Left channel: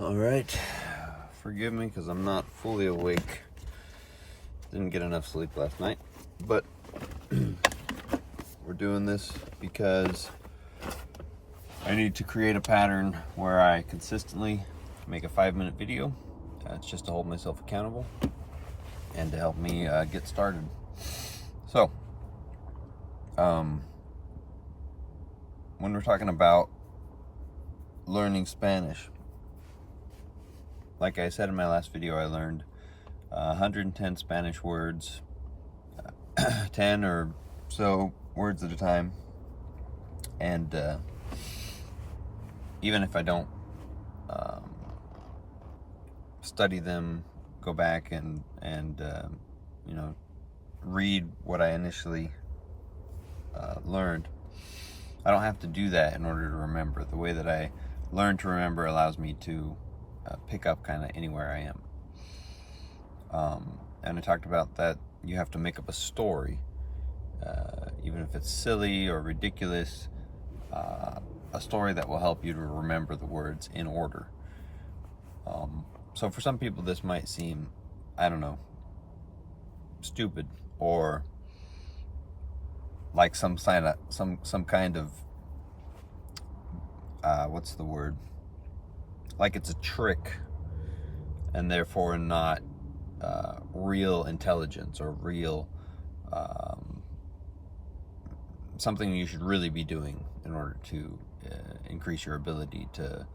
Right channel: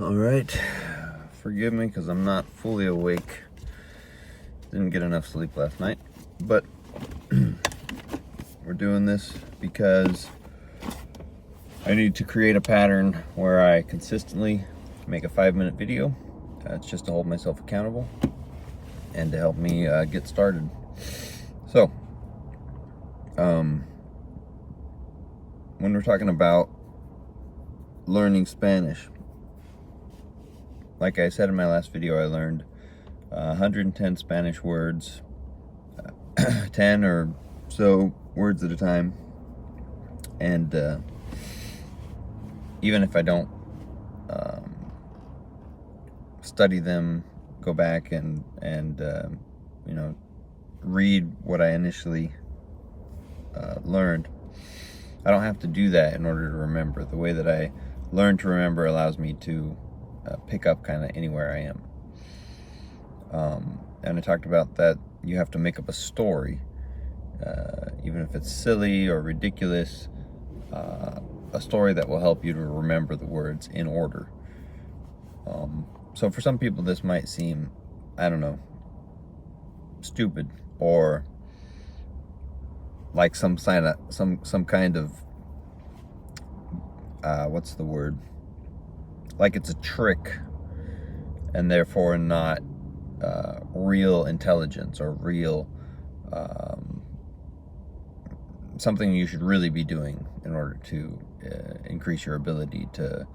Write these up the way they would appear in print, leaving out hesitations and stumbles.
All right, forgive me because I'm not fully awake. Didn't get enough sleep last night, but we're doing this because I need to create a pattern where I consistently make a 5-minute video. It's just to hold myself accountable and to help me get started. So, when we're talking about learning Spanish, like I said in my last video, I learned 110 Spanish words, 10 or so words at a time. And even if I don't study them, go back and read what I initially learned, I don't have to do that in order to remember. The way that I learn to remember allows me to pick up kind of anywhere I am. And I talked about that you have to make up a story, even if it's silly or ridiculous, a story that will help you to remember the words in order. So for some people this might seem, I don't know, stupid or like some kind of what's the word? Like it's a trick and therefore not real intelligence or real something you should really be doing in order to increase your ability to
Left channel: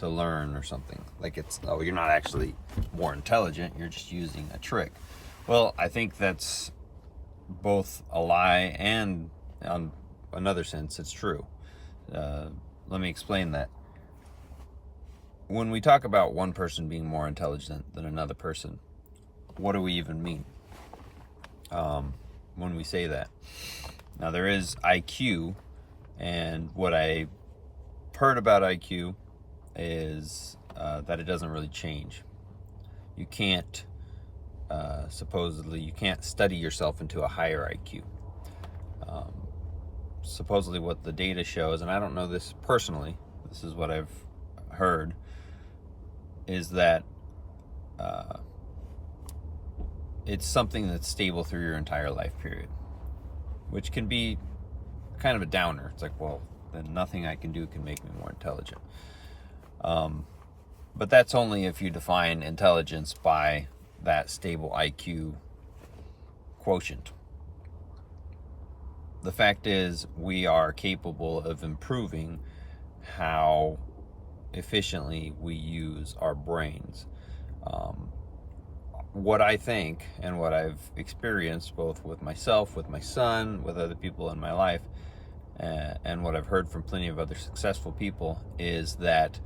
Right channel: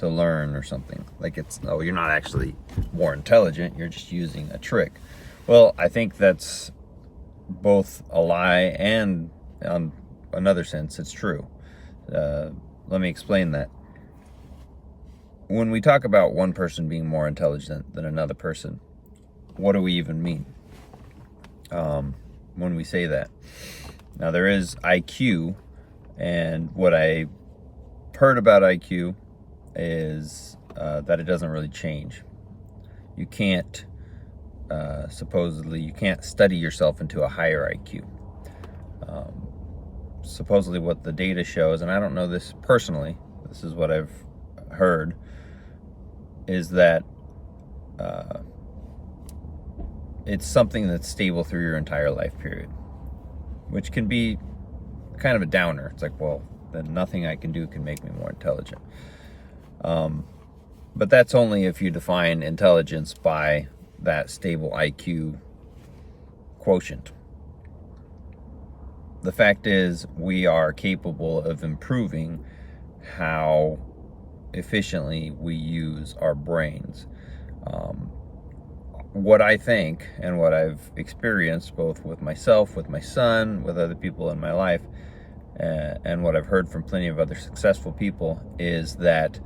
learn or something. Like it's, no, you're not actually more intelligent, you're just using a trick. Well, I think that's both a lie and, on another sense, it's true. Let me explain that. When we talk about one person being more intelligent than another person, what do we even mean when we say that? Now, there is IQ, and what I heard about IQ is that it doesn't really change. You can't, supposedly, you can't study yourself into a higher IQ. Supposedly what the data shows, and I don't know this personally, this is what I've heard, is that it's something that's stable through your entire life period, which can be kind of a downer. It's like, well, then nothing I can do can make me more intelligent. But that's only if you define intelligence by that stable IQ quotient. The fact is, we are capable of improving how efficiently we use our brains. What I think and what I've experienced both with myself, with my son, with other people in my life, and what I've heard from plenty of other successful people is that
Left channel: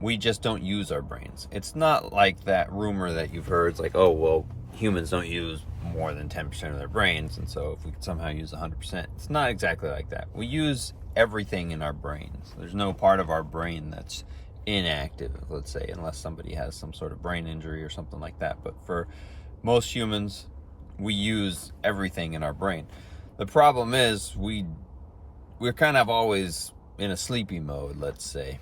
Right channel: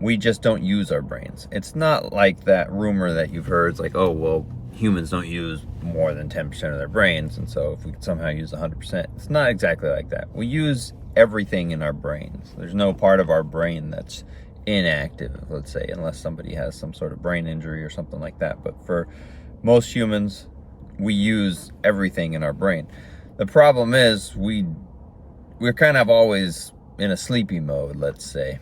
we just don't use our brains. It's not like that rumor that you've heard. It's like, oh, well, humans don't use more than 10% of their brains, and so if we could somehow use 100%, it's not exactly like that. We use everything in our brains. There's no part of our brain that's inactive, let's say, unless somebody has some sort of brain injury or something like that. But for most humans, we use everything in our brain. The problem is we're kind of always in a sleepy mode, let's say.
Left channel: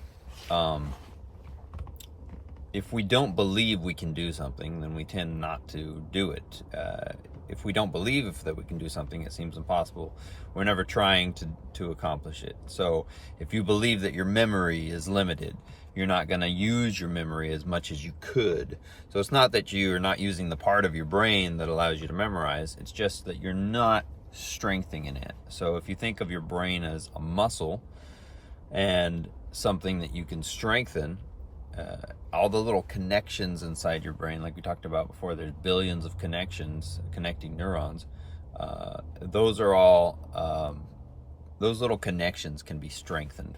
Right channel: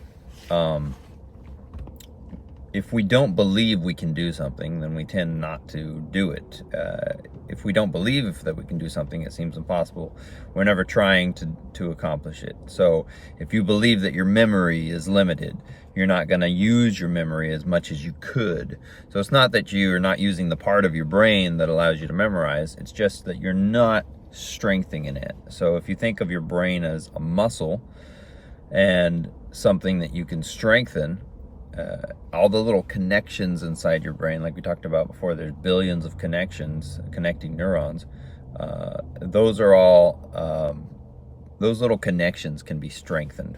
If we don't believe we can do something, then we tend not to do it. If we don't believe that we can do something, it seems impossible. We're never trying to accomplish it. So if you believe that your memory is limited, you're not going to use your memory as much as you could. So it's not that you're not using the part of your brain that allows you to memorize. It's just that you're not strengthening it. So if you think of your brain as a muscle and something that you can strengthen, all the little connections inside your brain, like we talked about before, there's billions of connections, connecting neurons. Those are all, those little connections can be strengthened.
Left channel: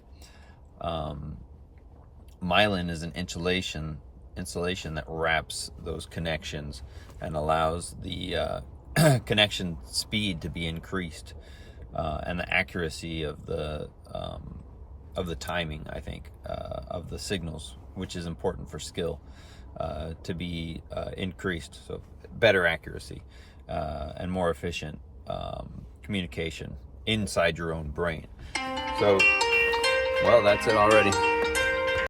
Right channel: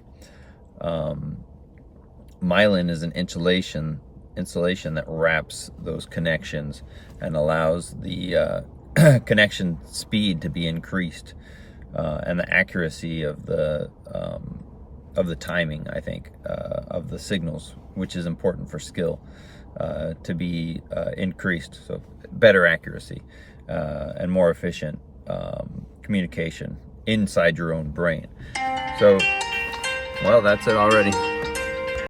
Myelin is an insulation that wraps those connections and allows the connection speed to be increased, and the accuracy of the timing, I think, of the signals, which is important for skill, to be increased. So better accuracy and more efficient communication inside your own brain. So, well, that's it already.